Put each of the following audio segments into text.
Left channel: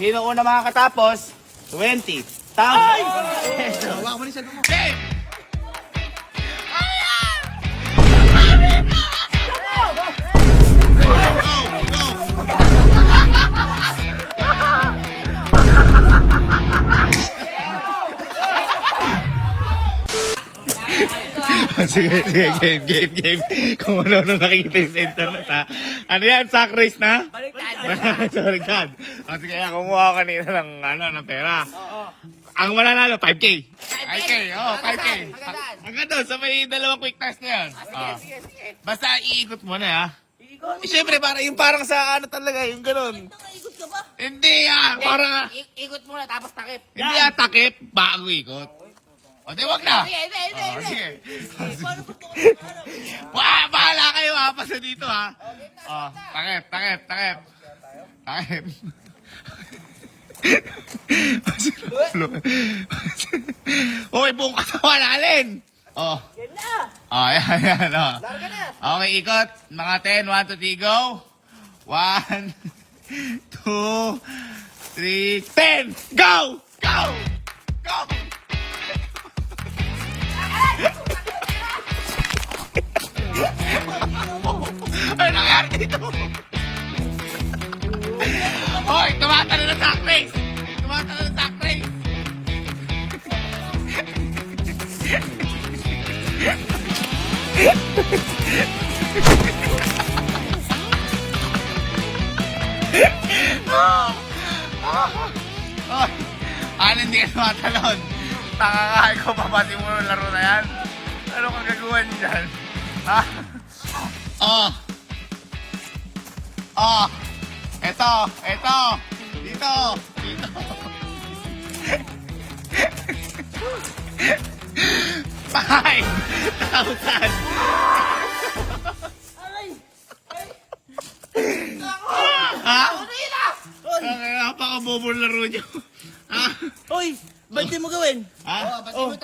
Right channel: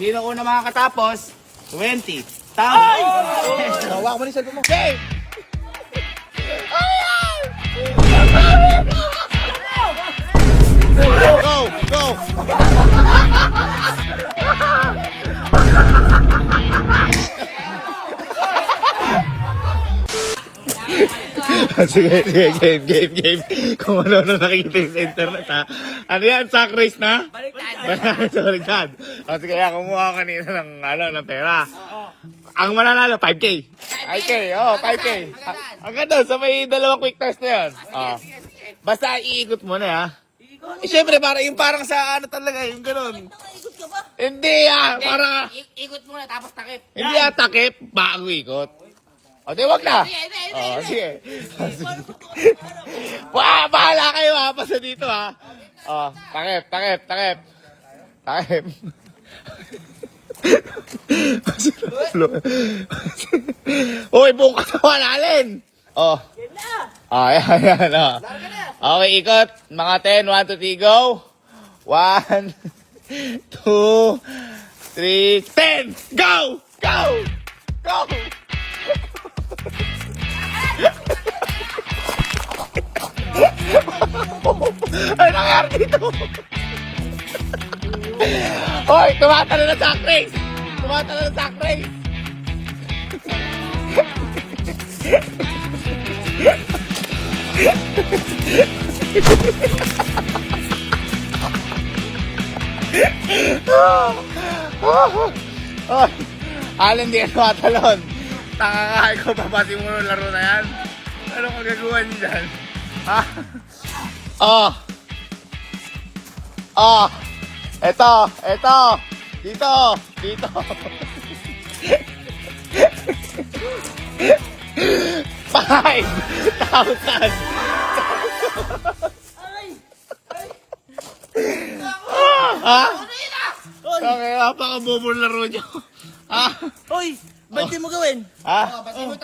Sino una makakatapos? 20. Ay! Hawa mo ni sa mo. Game! Go! Go! Sige, game. Kung ano nakikita yung sa internet, ha? Ano yan? Sack race na? Baliktad. O sige, kumuha ko kanina ng pera. Ang mananalo, 5K. 5K. Hanggang doon, sa may dalawang quick test na yun. Basta iikot mo na, ha? Siyempre, parang sa ano talaga, yung ganun. Nakaikot ka ba? Hindi, parang... Ikot muna tapos takip. Hindi takip, bago ikot. O, di wag na. Hindi. Sige. Paano ba ito? Bahala kayo, ha? Basta dito, ha? Takip. Uy, buong katawan natin. Game na! Ayan. Larga na! Okay, ikot. Mga 10, 1, 2, 3, go. 1, 2, 3, 10. Go! Ano nangyari dito? Hoy, tumatalo na sack race! Alin, di ka tumatalon. Takakahay ko, papati mo ng laro na yan. Ano kang gagawin dyan? Eto. Dito. 5,000. Napakabobo ng laro nyo. Hoy! Ba't di mo gawin?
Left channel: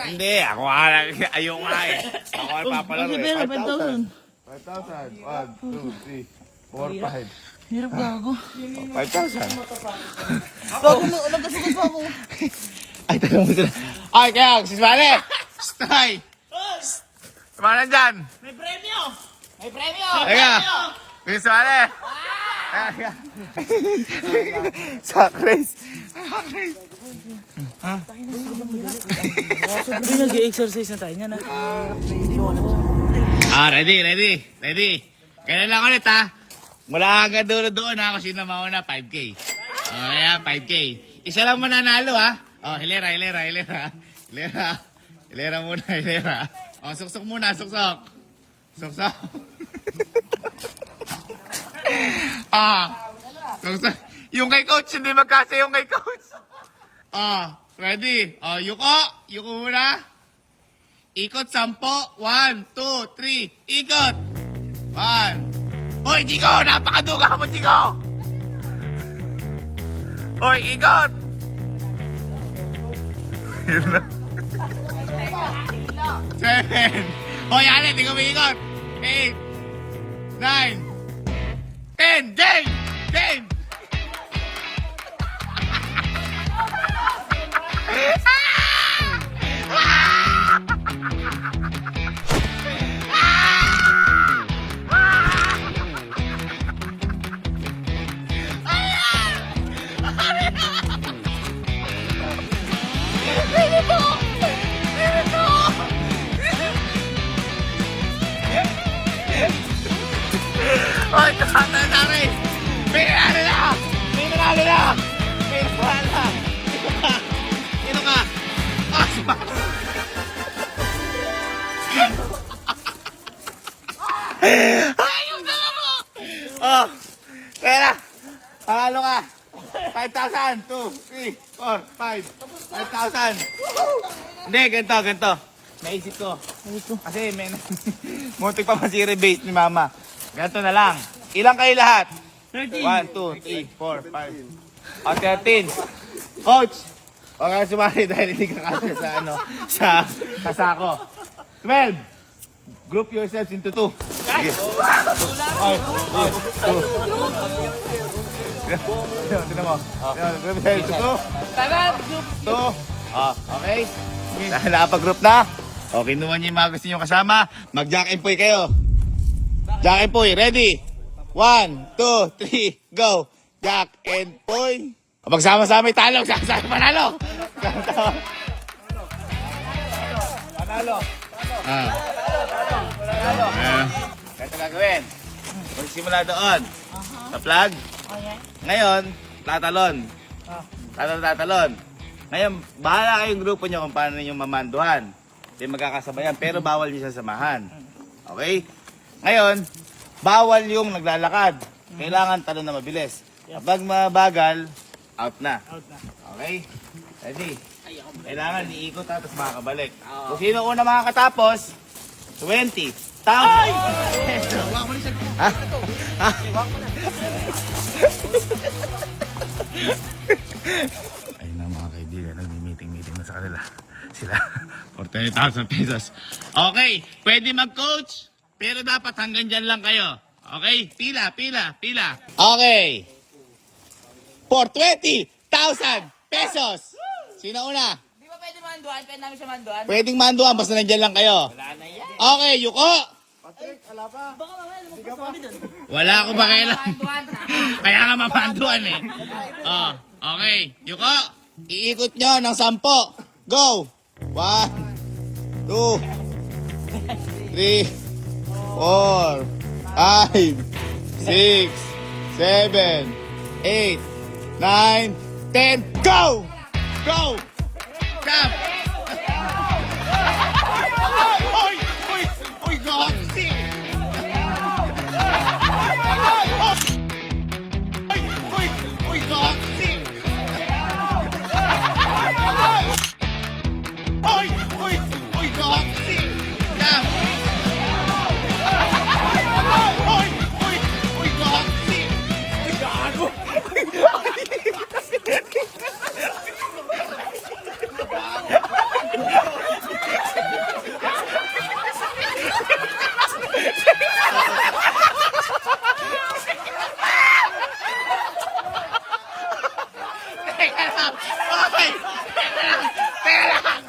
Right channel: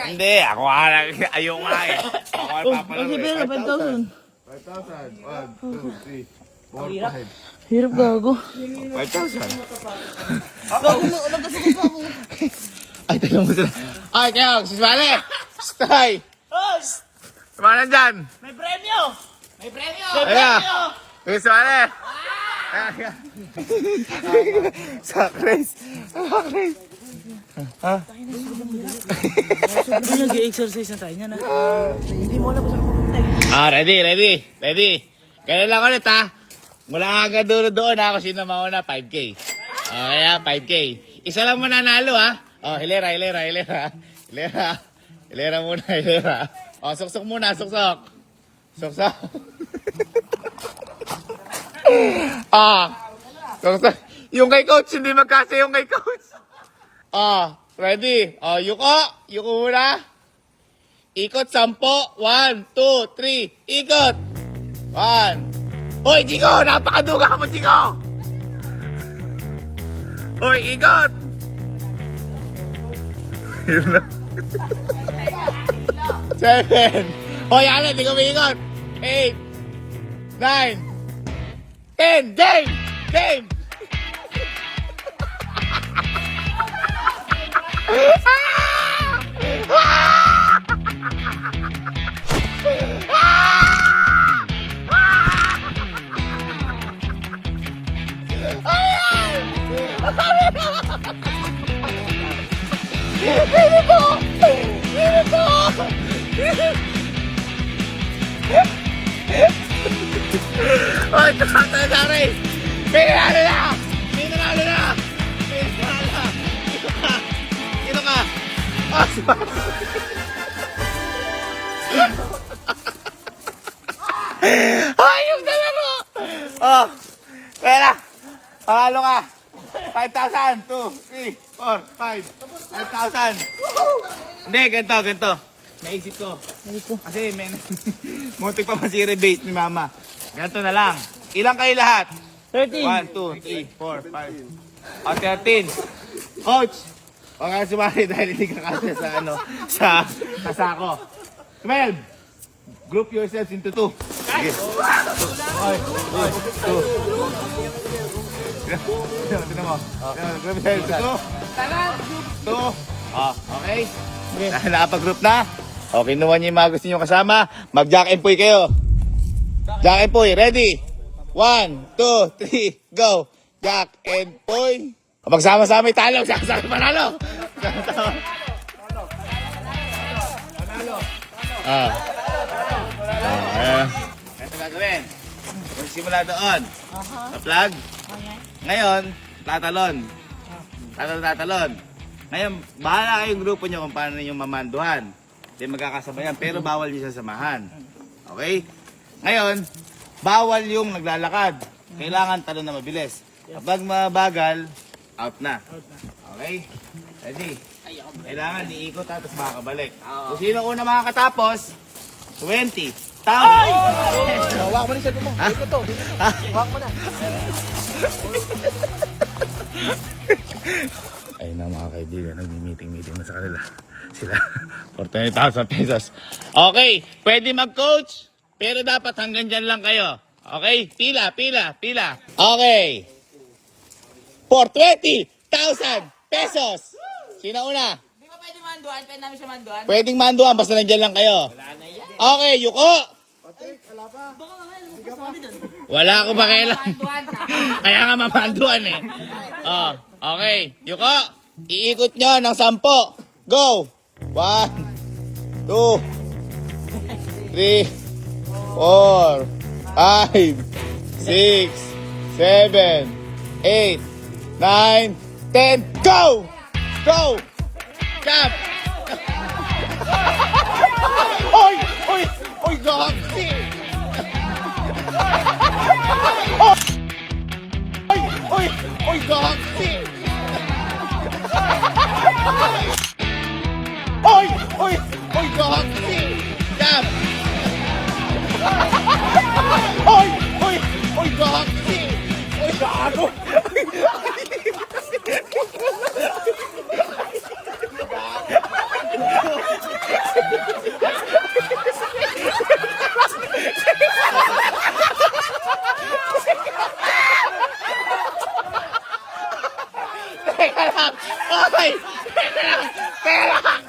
Hindi, ako ayaw nga eh. Ako ay papalaro Okay, pera, 5,000. 5,000. 1, 2, 3, 4, 5. Hirap gago. 5,000. Gago mo, nagkasukot pa ako. Ay, tanong mo sila. Ay, kaya, si Svane! Stay! Sumana dyan! May premyo! Teka! Si Svane! Sack race! Sabi nag-exercise na tayo niya na. Hindi mo alam kung saan pupunta. Ready. Ganun lang ulit, ha? Mula hanggang doon ako sino mauna, 5K. Kaya 5K. Isa lang mananalo, ha? Hilera. Hilera muna. Suksok muna. Suksok. Suksok. Yung kay coach, hindi magkasa yung kay coach. Ready? Yuko muna. Ikot 10. 1, 2, 3. Ikot. 1. Hoy, Jigo! Napakaduga mo, Jigo! Hoy, ikot! 7. Hoy, Alin, di ko may ikot. 8. 9. 10. Game! Hoy, tumatay na rin! May nanalo na! Sino ka? Ayun na laro! Kaya panalo ka! 5,000! 2, 3, 4, 5. 5,000! Hindi, ganito. Naisip ko. Kasi muntik pa masiribate ni mama. Ganito na lang. Ilang kayo lahat? 13. 1, 2, 3, 4, 5. 13. Coach! Huwag ka sumali dahil hindi ka kasi sa kasako. 12. Group yourselves into 2. Sige. 2. Tinan mo. Group cell. 2. 2. Okay. Dahil nakapag-group na. Okay, kinuha niyo yung mga gusto niyo kasama. Mag-jack and puy kayo. Jack and puy, ready? 1, 2, 3, go! Jack and puy. Magsama-sama yung talong, sama-sama panalo. Panalo. Ito gagawin. Magsimula doon. Sa flag. Ngayon, tatalon. Tatalon. Ngayon, bahala kayong grupo nyo kung paano niyo mamanduhan. Hindi magkakasabayan, pero bawal niyo sasamahan. Okay? Ngayon, bawal yung naglalakad. Kailangan talon na mabilis. Kapag mabagal, out na. Okay? Ready? Kailangan iikot tapos makakabalik. Kung sino una makakatapos, 20. Tama! Wag mo na sa dito. Wag mo na. Ayun na mga kaibigan, nag-meeting na sa kanila. Sila, for 20,000 pesos. Okay, pwede mag-coach, pero dapat hanggang dyan lang kayo. Okay, pila. Okay, for 20,000 pesos. Sino una? Di ba pwede manduan? Pwede namin siya manduan? Pwedeng manduan, basta nandyan lang kayo. Okay, Yuko. Wala akong pakialam. Kaya nga mamanduan eh. Oh, okay, Yuko. Iikot nyo ng 10. Go! 1, 2, 3, 4, 5, 6, 7, 8, 9, 10. Go! Go! Jump! Oy! Goxy! Oy, Goxy! Oy, Goxy! Jump! Oy, Goxy! Oy, gago! Teka lang! Okay! Teka lang!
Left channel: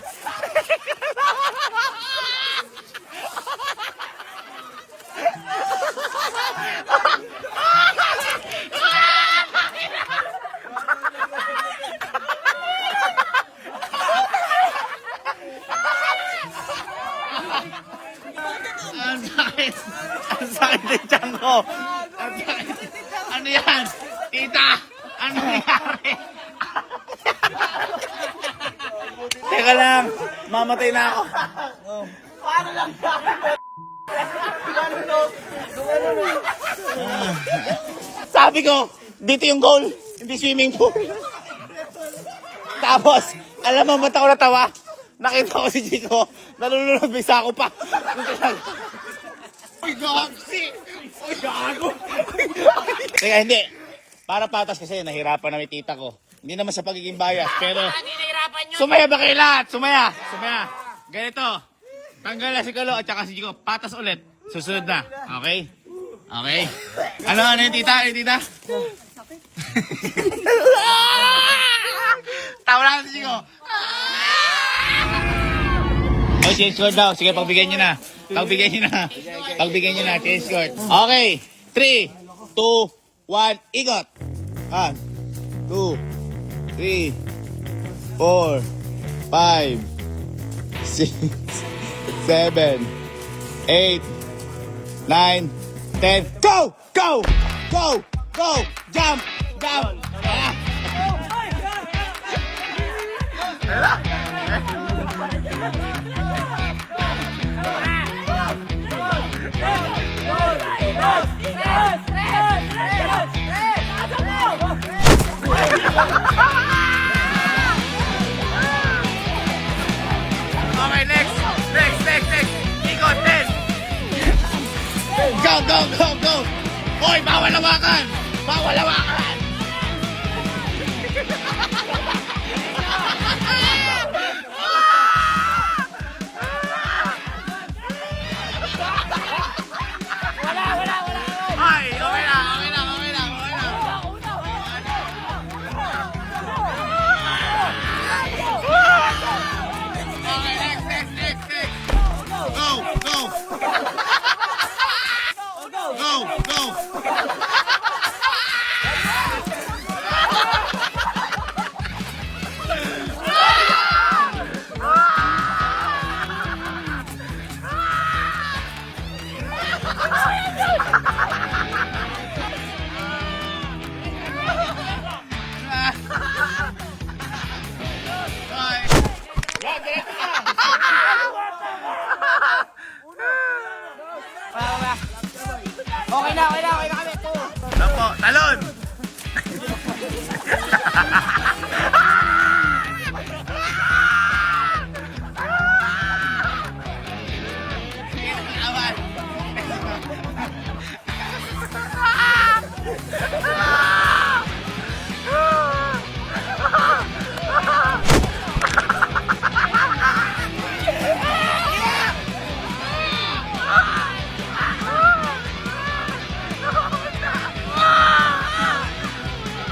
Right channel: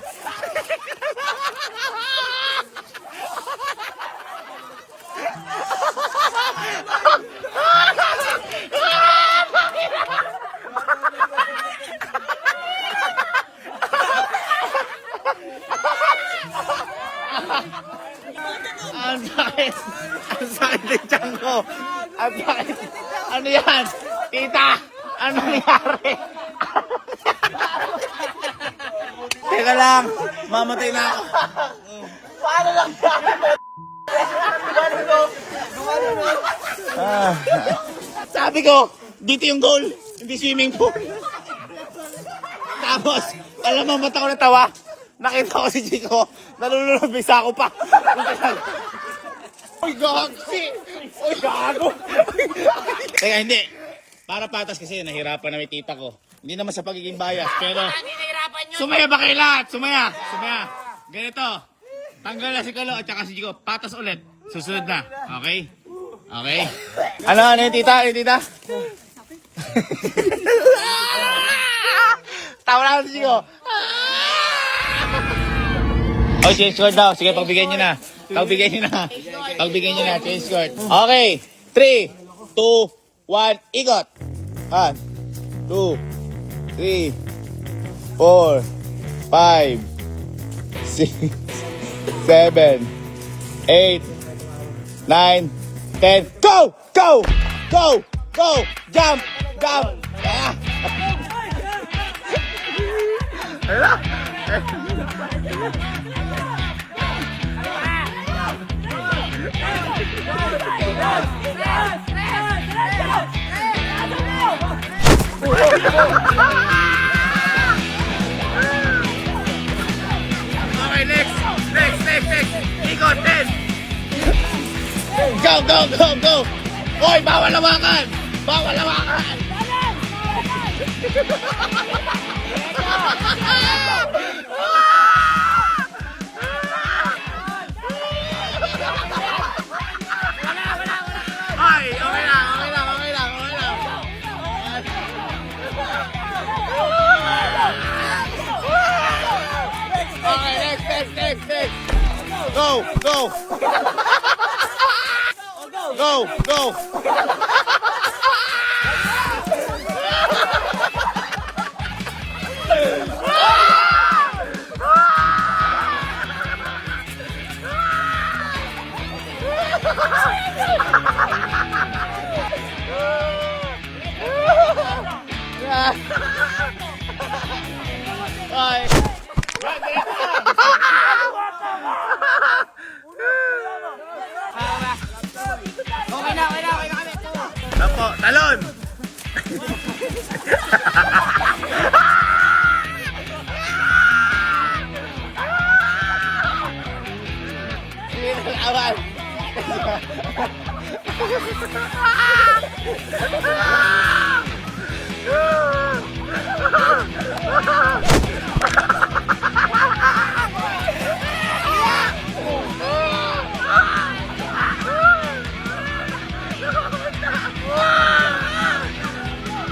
Ang sakit ng tiyan ko. Ang sakit. Ano yan? Tita! Ano nangyari? Teka lang. Mamatay na ako. Sabi ko, dito yung goal. Hindi swimming pool. Tapos, alam mo, ba't ako natawa? Nakita ko si Chico. Nalulunod, may sako pa. Uy, Goxy! Uy, gago! Teka, hindi. Para patas kasi, nahirapan na may tita ko. Hindi naman sa pagiging bias, pero... Sumaya ba kayo lahat? Sumaya! Ganito. Tanggal na si Kalo at saka si Chico. Patas ulit. Susunod na. Okay? Okay? Ano yung tita? Yung tita? Tawa na si Chico. Oh, change score daw. Sige, pagbigyan nyo na. Change score. Okay. 3, 2, 1, ikot. 1, 2, 3, 4, 5, 6, 7, 8, 9, 10. Go! Jump! Okay, next. Ikot, 10. Go. Hoy, bawal lawakan. Ay, okay lang. Go! Go! Ay. Okay na kami. Apo, talon!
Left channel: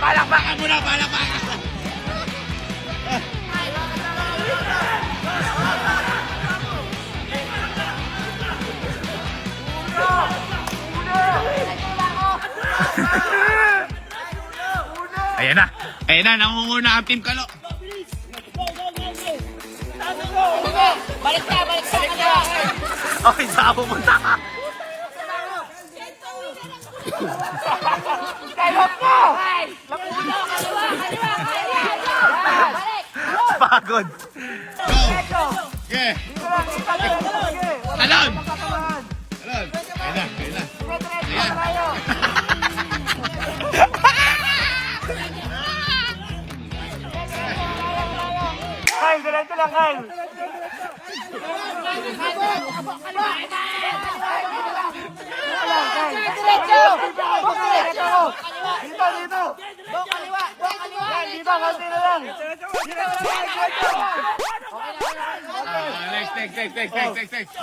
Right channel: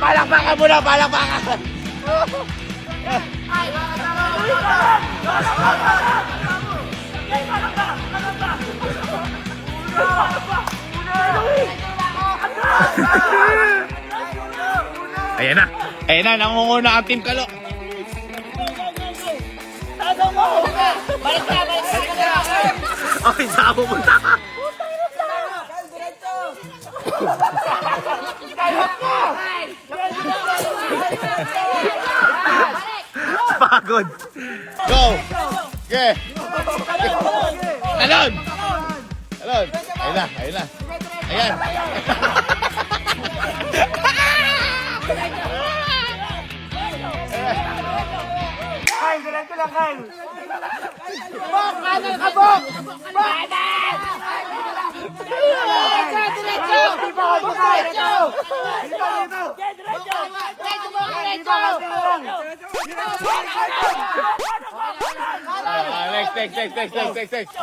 Palakpakan mo na, palakpakan! Ayan na! Ayan na, nangunguna ang Team Kalok! Balik ka na. Okay, saan pupunta ka? Pagod! Go! Okay! Talon! Talon! Ayan na, ayan na. Ayan! Kyle, diretso lang, Kyle. Next.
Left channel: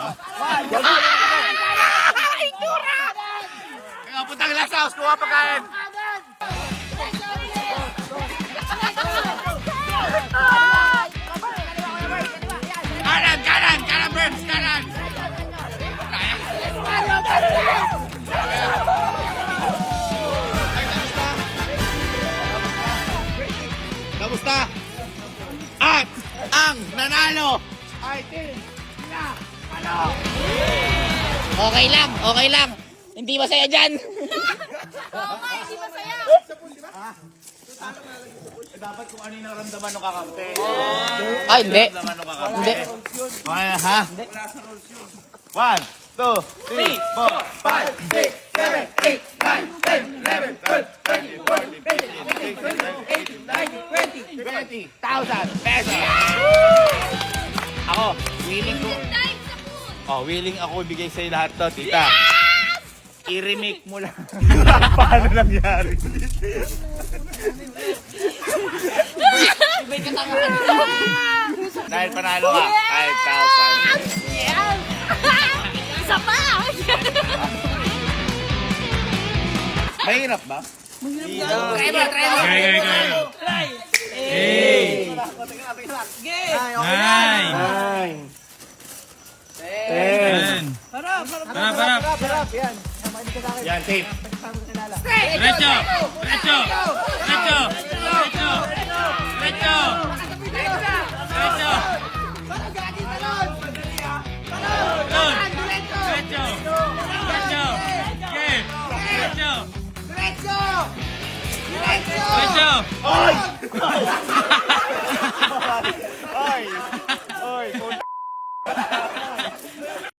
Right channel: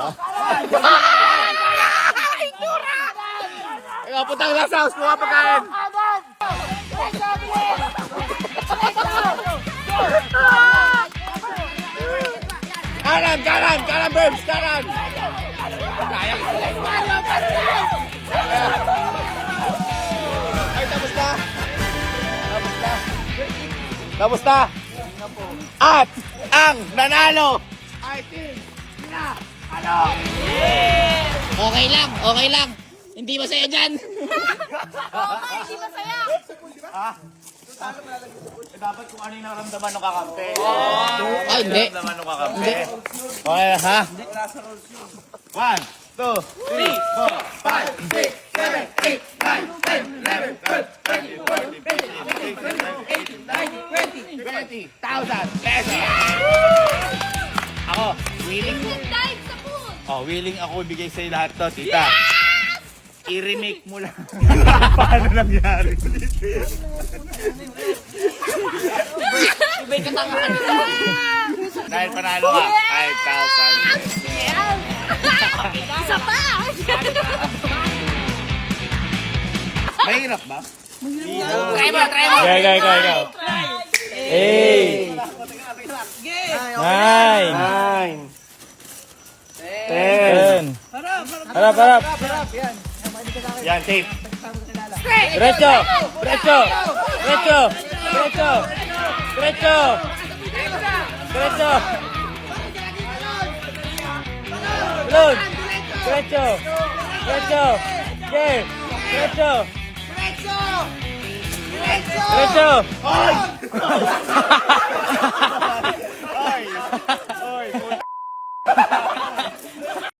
Ikaw, putang lasa house, kuha pagkain! Kanan, Burns, kanan! Ay, tapos na! At ang nanalo ay Team Kalok! Okay lang. Hindi masaya dyan. Hindi masaya. Dapat kung ano yung naramdaman ng kakampi. Ay, hindi. Naramdaman ng kakampi. Okay, ha? 1, 2, 3, 4, 5, 6, 7, 8, 9, 10, 11, 12, 13, 14, 15, 16, 17, 18, 19, 20, 20,000 pesos! Ako, willing ko. Oh, willing ako ibigay sa'yo lahat to, tita. I-remake mo lang. Paano nangyari? Dahil panalo ka, 5,000. Yes! Isa pa! Mahirap ba? Try mo. Go. 8, 9, 10. Harap. Yan, tape. Diretso. Diretso.